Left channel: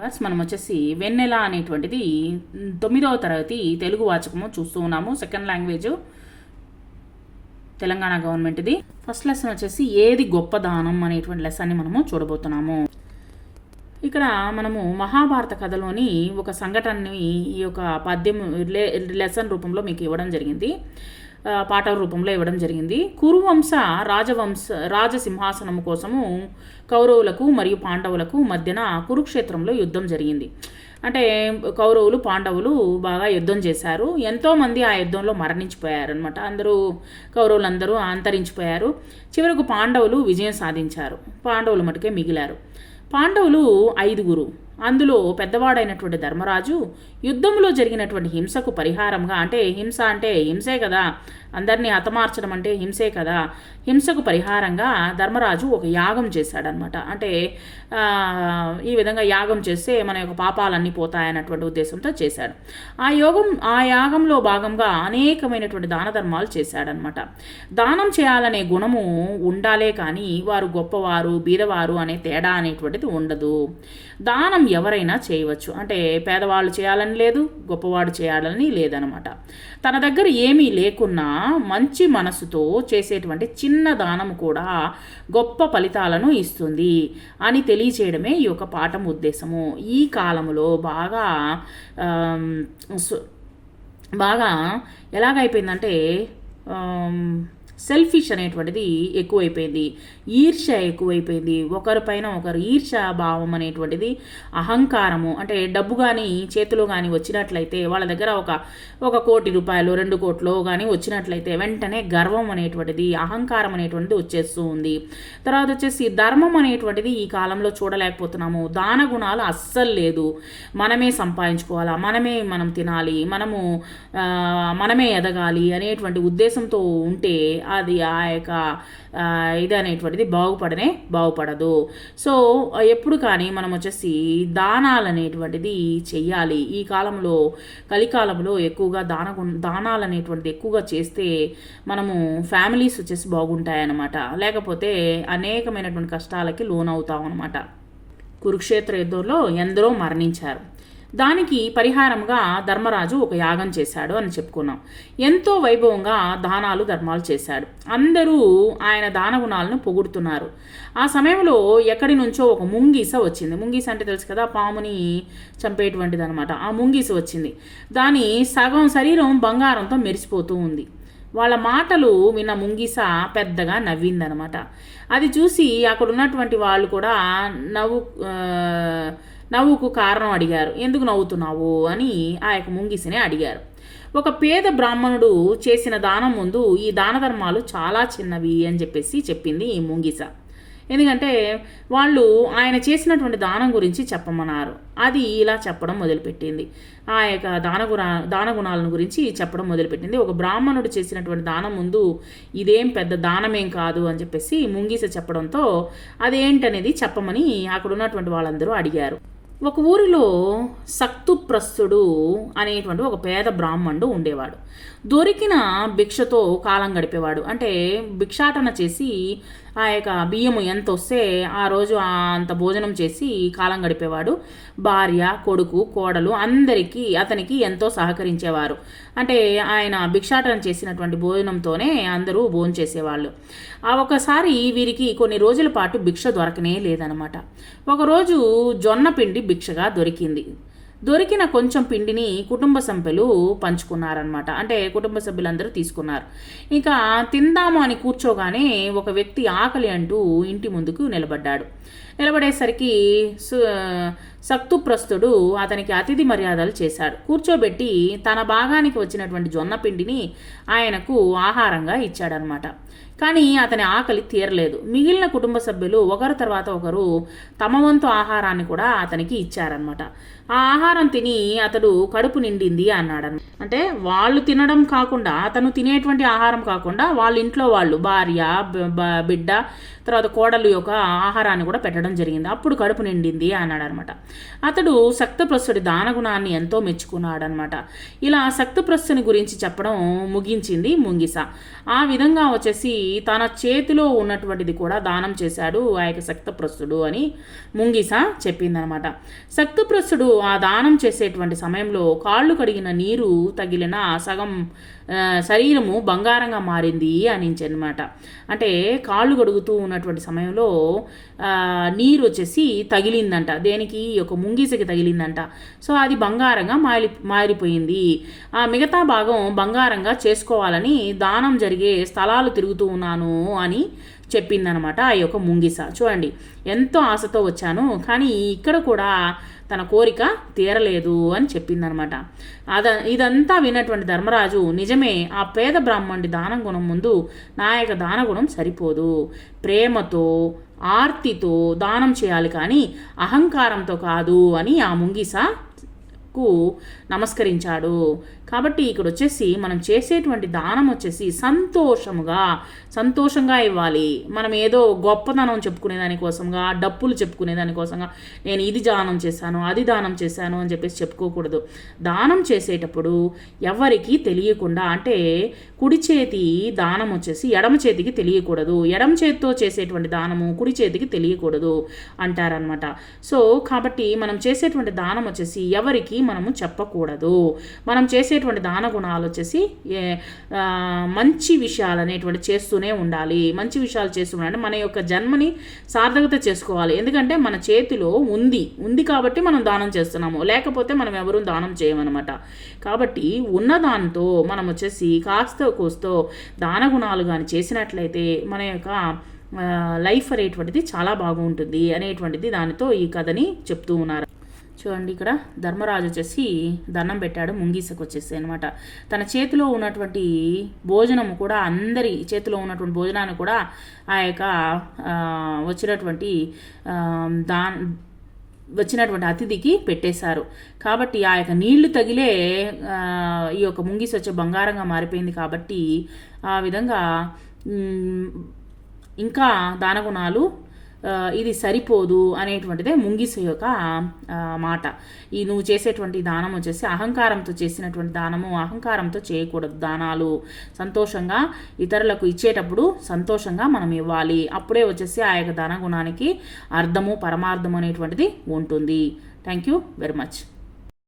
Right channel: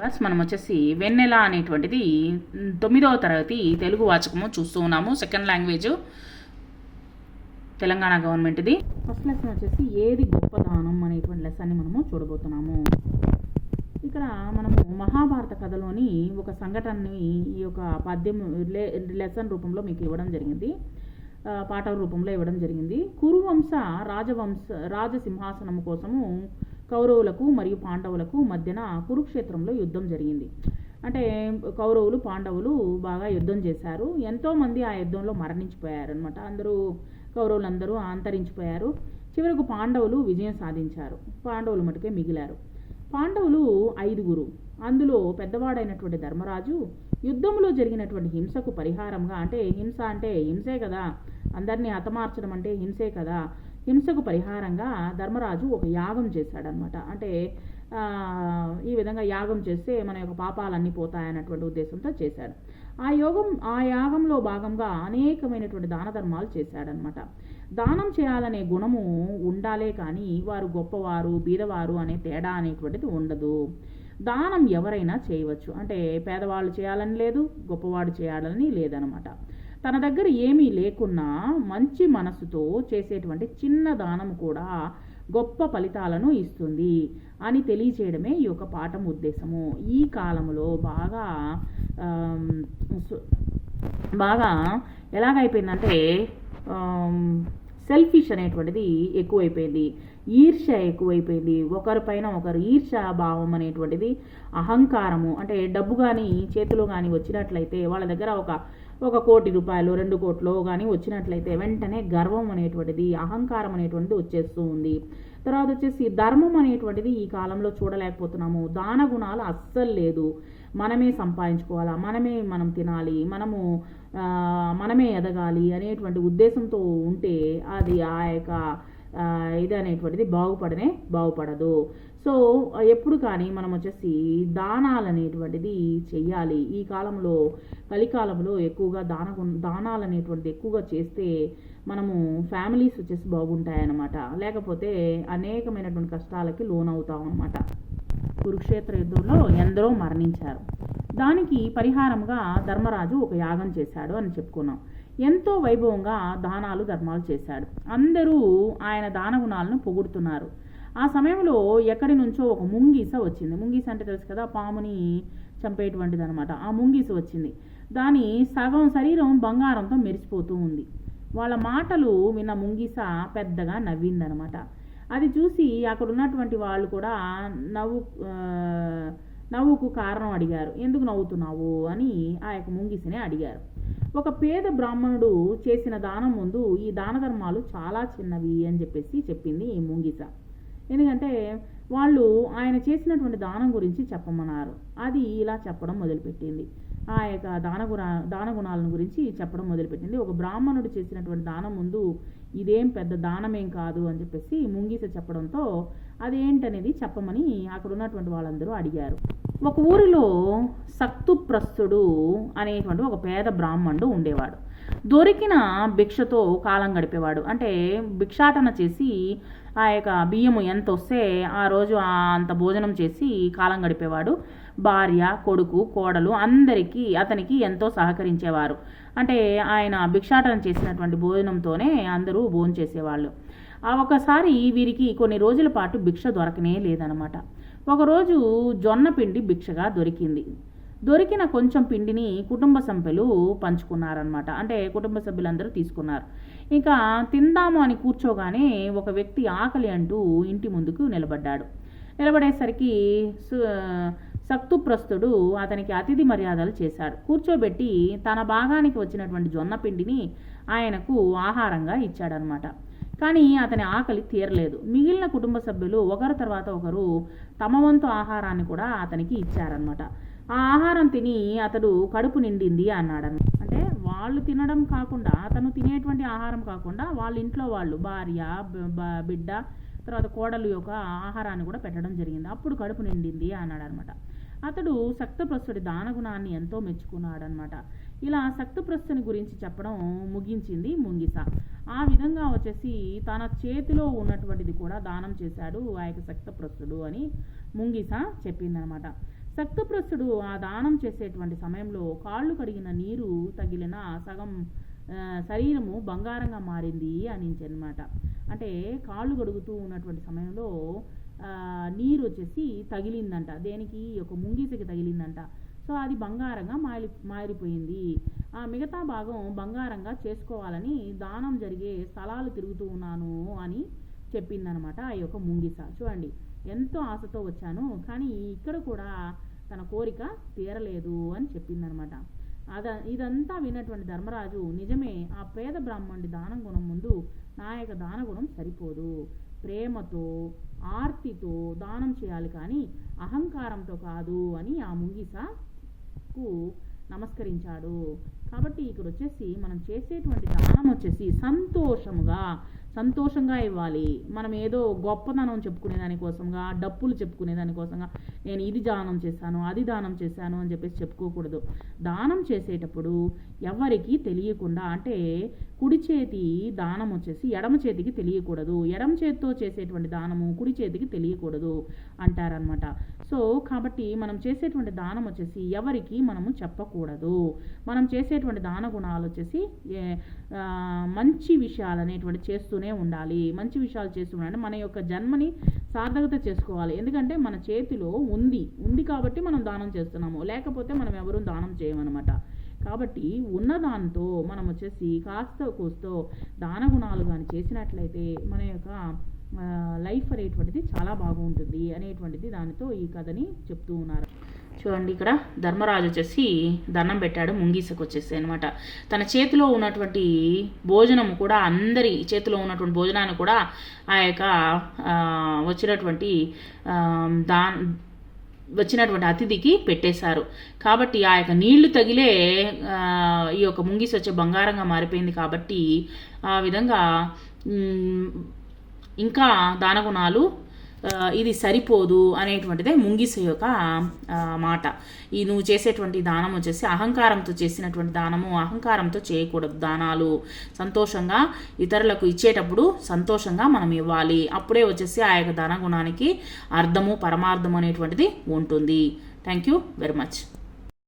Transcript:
Verse మనం వచ్చేసి వెన్నెల అనేటువంటిది తొమ్మిదవ తరగతి తెలుగు వాచకము చూస్తూ ఉన్నాము. సెకండ్ లాంగ్వేజ్ తెలంగాణ గవర్నమెంట్ది. ఫస్ట్ లెసన్ వచ్చేసి ఏది గొప్ప దానం అనేటువంటి లెసన్ని మనము చూడబోతున్నాము. ఇక్కడ మనము మహాభారత కథలోని ఒక సంఘటనని ఈ యొక్క పద్యం లెసన్ రూపంలో మీకు ఇవ్వడం జరిగింది. పాఠ రూపంలో ఇవ్వడం జరిగింది. కురువంశ రాజవంశ రాజసింహాసనం కోసము కౌరవులకు మరియు పాండవులకు మధ్యన కురుక్షేత్రంలో యుద్ధం జరిగింది. అంటే కౌరవులు పాండవులు బాగా యుద్ధం చేశారు. ఎంతోమంది ఆ యుద్ధంలో మరణించిపోయారు అనమాట అందరూ కౌరవులందరూ అంతరించిపోయారు. చివరకు పాండవులు విజయం సాధించారు. పాండవులు మటుకే మిగిలారు. పాండవులు ఐదుగురు. అందులో పెద్దవాడైనటువంటి ధర్మరాజు యుద్ధంలో జరిగినటువంటి హింసకు పరిహారంగా అంటే హింస అంటే హింసే కదా అందరినీ హతమార్చడం అంటే హింసే కదా హింసకు పరిహారంగా ధర్మరాజు ఒక యాగం చేశాడనమాట. అంటే ఈ విధంగా యాగం చేస్తే మన యొక్క పాపాలన్నీ పోతాయన్నటువంటి ఉద్దేశంతో చేశాడు. ఆ యోగం ఆ యాగంలో భాగంగా అనేకమైనటువంటి దాన ధర్మాలు చేశాడనమాట. దానం చేయాలనే గుణము ఉండాలే కానీ వారు గొప్పవారు బీదవారు అనే తేడా అనేటువంటిది ఉండదు. దానం ఎవరైనా చేయవచ్చు. అంటే పేదవాళ్ళు చేయాలని లేదు గొప్పవాడు చేయాలని లేదనమాట. తన దగ్గర ఏమీ లేకున్నా మంచి మనసుతో చేసేటువంటి చిన్న దానం కూడా గొప్ప ఫలితాలను ఇస్తుంది అని తెలియచేయడమే ఈ యొక్క పాఠం ఉద్దేశము. ఈ కాలంలో బాగా బాగా ఎలాగైపోయిందంటే సెల్ఫిష్ అనేటువంటిది ఎక్కువైపోయింది. ఈర్ష్య ఎక్కువైపోయింది. ఒకరిపైన ఒకరు ఈర్ష్య భావం అనేటువంటిది అహంకారము అంటే డబ్బు కానీ చేతిలో కానీ వచ్చినట్లయితే వాళ్ళ దగ్గర ఒక ఒక కోటి రూపాయలు రెండు కోట్లు కానీ వచ్చినట్లయితే వెంటనే గర్వం అనేటువంటిది అహంకారం అనేటువంటిది వచ్చేస్తూ ఉంది. తర్వాత వచ్చేసి ధర్మం అనేటువంటిది ఈ కాలంలో చూడలేకపోతున్నాము. దాన గుణాలు అస్సలు లేదు. మనమే సంపాదించుకోవాలా? మనమే మనం తినాలి. మనము మనమే ఎదగాలి అనేటువంటి ఉద్దేశంతో ఉంటే అది ఆ యొక్క ఇది అనేటువంటిది బాగుపడనే బాగుపడదు. సో ఎప్పుడు కానీ మనం వచ్చేసి దానాలు అనేటువంటిది చెయ్యాలి. ఈ కాలంలో కలికాలంలో ఎక్కువగా దాన దానాలు అనేటువంటిది ఎక్కువగా చేస్తే మనము ఫ్యామిలీస్ వచ్చేసి బాగుంటాయన్నమాట. లేకపోతే అనేకమైనటువంటి కష్టాలకి లోనవుతాం అనమాట కురుక్షేత్ర యుద్ధంలో ఎందరో మరణించారు. దానికి పరిహారంగా ధర్మరాజు ఒక యాగం చేశాడు అని చెప్పుకున్నాం. ఎంతో వైభవంగా దానాలు ధర్మాలు చేశాడు. అందరూ ఆయన దాన గుణాలను పొగుడుతున్నారు. ఆ సమయంలో ఎక్కడి నుంచో ఒక ముంగీస వచ్చింది. ముంగీస అంటే తెలుసు కదా పాముని చంపేటువంటిది అనమాట ఆ ముంగీస వచ్చింది. దాని సగం శరీరం బంగారంతో మెరిసిపోతూ ఉంది. వాళ్ళ మాటలు విన్న ముంగిస పెద్దగా నవ్విందనమాట అది చూసి అక్కడ ఉన్నటువంటి వాళ్ళు కూడా నవ్వు నవ్వుకు కారణం అడిగారు. ఎందుకు నవ్వుతున్నావు? అని ఆ యొక్క ముంగిసిని అడిగారు. ఒక పేద బ్రాహ్మణుడు చేసిన దానం ముందు ఈ దాన ధర్మాలు చాలా చిన్నవి అని చెప్పేసి చెప్పింది ఈ ముంగిస. ఎందుకంటే వాళ్ళు ఆయన చేసినటువంటి దానం గురించి చెప్పమన్నారు. అది ఇలా చెప్పడం మొదలుపెట్టింది. ఆ యొక్క దాన గుణ దాన గుణాలను గురించి చెప్పడం మొదలుపెట్టింది. ఒక బ్రాహ్మణుడు చేసినటువంటి దానం ముందు ఇదేం పెద్ద దానమేం కాదు అని చెప్పేసి ముంగీస చెప్పడంతో అదేంటనేది చెప్పమని అక్కడ ఉన్నటువంటి వాళ్ళందరూ అడిగారు. ఒక ఊరిలో సక్తుప్రస్తుడు అనేటువంటి ఒక పేద బ్రాహ్మణుడు ఉండేవాడు. దొరికిన భిక్షతో కాలం గడిపేవాడు. అంటే భిక్షాటన చేసి ఆ యొక్క బియ్యము ఎంత వస్తే ఆ రోజు అంత భోజనం చేసి కాలం గడిపేవాడు. భార్య కొడుకు కోడలు అందరికీ అతనికి ఎంతో సహకరించేవారు. అంటే ఆయన భిక్షాటన చేసినటువంటి భోజనంతోనే అందరూ భోజనం చేసేవాళ్ళు. ఆ ఒకసారి వీరికి కొన్ని రోజుల పాటు భిక్ష దొరకనే లేదనమాట ఒకరోజు జొన్న పిండి భిక్షగా దొరికింది. దొరికిన కొంచెం పిండిని కుటుంబ సభ్యులు పంచుకున్నారనమాట అంటే కుటుంబ సభ్యులందరూ తీసుకున్నారు. ఇంకా తిందాము అని కూర్చోగానే ఒక వ్యక్తి ఆకలి అంటూ ఇంటి ముందుకు నిలబడ్డాడు. నిలబడేసరికి సు- సక్తుప్రస్తుడు అతనికి అతిథి మర్యాదలు చేశాడు. కూర్చోబెట్టి తన భాగానికి వచ్చినటువంటి జొన్న పిండిని ఆయనకు ఆహారంగా ఇచ్చాడనమాట కానీ అతని ఆకలి తీరలేదు. మిగిలిన కుటుంబ సభ్యులు ఒకరు తర్వాత ఒకరు తమ వంతు ఆహారాన్ని కూడా అతనికి ఇచ్చారనమాట ఆ ఆహారం తిని అతడు కడుపు నిండింది అన్నాడు అంటే వాళ్ళు తినడం కాకుండా అతను తినేటువంటి ఆహారం కాకుండా వాళ్ళ ఇంట్లో వాళ్ళు భార్య బిడ్డ తర్వాత కోడలు యొక్క ఆహారాన్ని కూడా పెట్టడం జరిగింది. అప్పుడు కడుపు నిండింది అన్నాడు అనమాట అతడు సక్తప్రస్తుడి దానగుణాన్ని ఎంతో మెచ్చుకున్నాడనమాట. ఇలా సక్తప్రస్తుని గురించి చెప్పడం ముగించింది ముంగిస. ఆ విధంగా వచ్చేసి తన చేతిలో ఉన్నటువంటిది కూడా దానం చేశాడు ఆ యొక్క సక్తప్రస్తుడు అని ముంగిస చెప్పిందనమాట. సక్తప్రస్తుడు ఆ దానం చేసేటువంటి సమయంలో కాళ్ళు కడిగిన నీరు తగిలిన సగం శరీరము బంగారంగా మారింది అనించనమాట. అంటే కాళ్ళు కడుగుతూ ఉన్నటువంటి సమయంలో నీరు వచ్చేసి తగిలిందంట. దేనికి? ఈ యొక్క ముంగీసకి తగిలిందంట. సో అది బంగారంగా మారి మారిపోయింది. ఆ మిగతా భాగం బంగారంగా చేసుకోవాలని దానం జరిగే స్థలాలు తిరుగుతూ ఉన్నాను అని చెప్పిందనమాట ఆ యొక్క ముంగిస. చూడండి ఎంతో ఆశతో వచ్చాను. కానీ ఇక్కడ కూడా తన కోరిక తీరలేదు అని చెప్పిందనమాట. అద ఇదంతా విన్నటువంటి ధర్మరాజు నిజమే ఆ పేద బ్రాహ్మణుడి దానం గుణం ముందు నాయక దాన దానగుణం సరిపోదు. ప్రేమతో ఆర్తితో దానం చేయాలి కానీ అహంకారంతో కాదు అని ఆ ముంగిస కు నమస్కరించాడు. కాబట్టి ఇక్కడ వచ్చేసి మనం చేసేటువంటి దానం వచ్చేసి సంతోషముగా సంతోషంగా ఇవ్వాలి. మనం ఏదో గొప్పదనం చెప్పుకునే దానికోసంగా డప్పులు చెప్పుకునే దానికోసంగా నేను ఇది దానం చేశాను అది దానం చేశాను అని చెప్పేసి చెప్పుకోకూడదు. దానం చేసేటప్పుడు ఎవరికీ తెలియకుండా అంటే కుడి చేతి దానం వచ్చేసి ఎడమ చేతికి తెలియకూడదు. ఎడమ చేతితో చేసేటువంటి దానము కుడి చేతికి తెలియకూడదు అంటారనమాట సో కాబట్టి మనం చేసేటువంటి దానం వచ్చేసి ఎవరికి మనము చెప్పకూడదు. మనం చేసే చేసేటువంటి దాన గుణాలు వచ్చేసి మంచి విషయాలు అనేటువంటి చేస్తూనే ఉండాలి. మంచి విషయాలు చేస్తూ ఉండాలి. మన యొక్క జన్మని సార్థకత చేసుకోవాలి. ఎందుకంటే మన చేతిలో ఉంది. ఉంది కాబట్టి మనం దానం చేస్తున్నాము. లేకపోతే మనం ఎవరూ దానం చేయమన్నమాట. కాబట్టి ఉన్న దానితో మనం వచ్చేసి కాస్త కోస్తో దాన గుణాలు కానీ చేసినట్లయితే మన యొక్క లైఫ్ అనేటువంటిది చాలా బాగుంటుంది అనేటువంటిది దానితో ఈ కథని చెప్తూ ఉన్నారు. చూడండి ఇక్కడ ధర్మరాజు వచ్చేసి దండం పెట్టాడు ముంగీసకు వచ్చేసి అనమాట తన చేతిలో ఉన్నటువంటి భోజనం కూడా అందరి చేతిలో ఉన్నటువంటి భోజనాన్ని కూడా ఆ యొక్క వచ్చినటువంటి దా వచ్చినటువంటి అతిథికి పెట్టేశారు. కాబట్టి ఆ యొక్క నీళ్ళు తగిలే ఈ యొక్క ముంగిసి వచ్చే బంగారంగా మారిపోయింది కాబట్టి ఆ విధంగా ఇంకా దానగుణాలు ఇది సరిపోదు అనేటువంటిదే ముంగిస యొక్క మాట. ఈ నువ్వు చేసేటువంటి దానం వచ్చేసి అహంకారంతో చేసినటువంటి దానము అహంకారంతో చేయకూడదు దానాలు. సంతోషంగా ఇతరులకు ఇచ్చేటప్పుడు సంతోషంగా మనం ఇవ్వాలి. అప్పుడే వచ్చేసి ఆ యొక్క దాన గుణానికి అర్థము పరమార్థం అనేటువంటిది ఉంటుంది. Thank you very much